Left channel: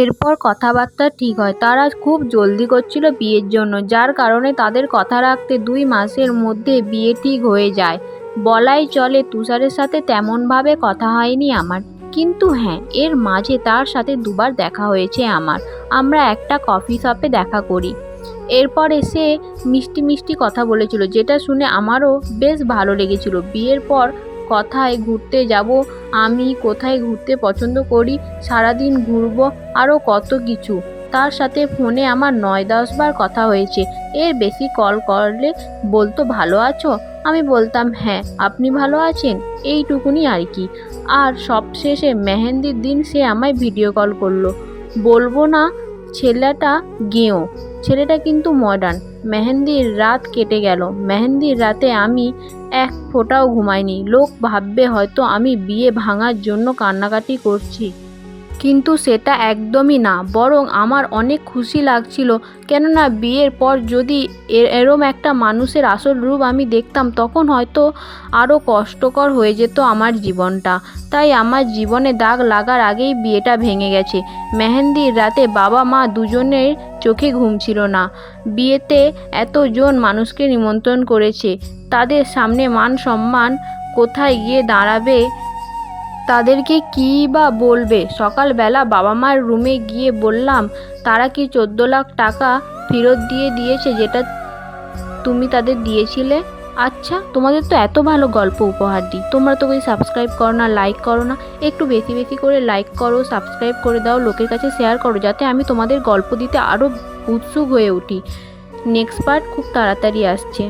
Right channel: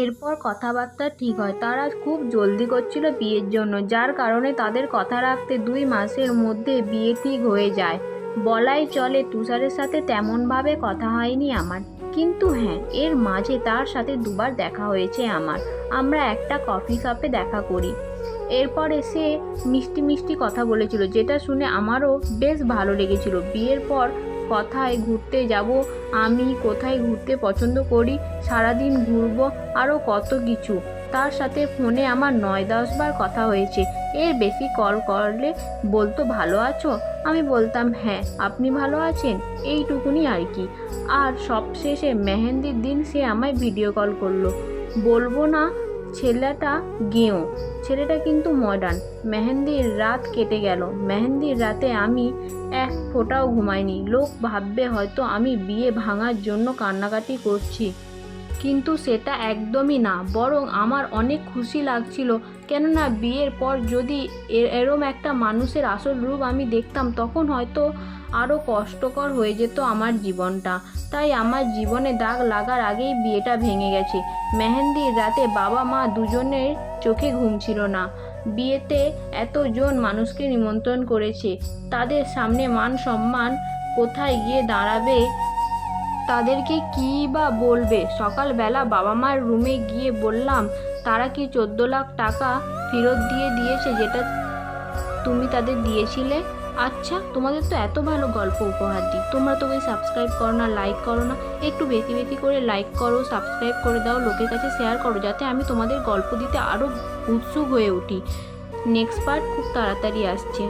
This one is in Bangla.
এরপর কথাবার্তা ঠিক হয়। তারা খুব জলদি করছিল বিয়ের জন্য, যার কারণে তাদের কথা রাখতে 2 মাসের মধ্যে বিয়ে ঠিক হয়ে যায়। বলাই চলে তুষারের সাথে তেমনভাবে কথা হয়নি আমার, কিন্তু হ্যাঁ, এর মাঝে তার সাথে 2 বার দেখা হয়েছে আমার। আমরা একটা কফি শপে দেখা করি। এরপরে সে মিষ্টি মিষ্টি কথা বলেছিল, যেটা শুনে আমারও বেশ ভালো লেগেছিল। বিয়ের পর কোথায় ঘুরতে যাব, আমি কোথায় ঘুরতে পছন্দ করি, সারাদিন ঘুরবো, আরও কত কিছু। তার সাথে ফোনে আমার 9-10 বার কথা হয়েছে। এর বেশি কল করলে বলতো ভালো আছো, আমি বলতাম হ্যাঁ, আপনি ভালো আছেন, এইটুকুনি আর কি। আর সবশেষে মেহেন্দির দিন সে আমায় ভিডিও কল করলো। বলবো না ছেলেটা গেঁয়ো, ছেলেটা কিন্তু মডার্ন। মেহেন্দির রাত কেটে গেল। মেহেন্দির রাতে আমি এক ফোঁটাও ঘুমাইনি। লোক ভাববে হয়তো আমি বিয়ে ভাঙার জন্য কান্নাকাটি করছি, কিন্তু সেটা একদমই না, বরং আমার অনেক খুশি লাগছিল। কেননা বিয়ের পর যদি এরম একটা মানুষের আসল রূপ আমি দেখতাম, তখন হয়তো আরও কষ্টকর হয়ে যেত আমার জীবনটা। তাই আমার জীবনে দাগ লাগার আগেই বিয়েটা ভেঙে গেছে। মেহেন্দির রাতে বাবা মা দুজনের চোখে ঘুম ছিল না। বিয়েতে এতজন মানুষকে নিমন্ত্রণ করেছে, তাদের সামনে মান সম্মান কোথায় গিয়ে দাঁড়াবে, তাদেরকে কী বা বলবে। সকালবেলা বাবা মার রুমে গিয়ে বললাম, তারা কি 14 লাখ টাকা ফেরত দিয়ে দিয়েছে, যেটা তুমি তাদের দিয়েছিলে? আচ্ছা, তোমাদের তো এত ভালো গল্প উপহার দিই, তোমরা তো ওই সাবস্ক্রাইব করো না, লাইক করো না। একটু বেশি বেশি করে লাইক করো, সাবস্ক্রাইব করে দাও, লোকের কাছে শেয়ার করো, যাতে আমি তোমাদের গল্প দিতে আরও উৎসুক হয়ে উঠি। নেক্সট পার্ট খুব তাড়াতাড়ি আসছে।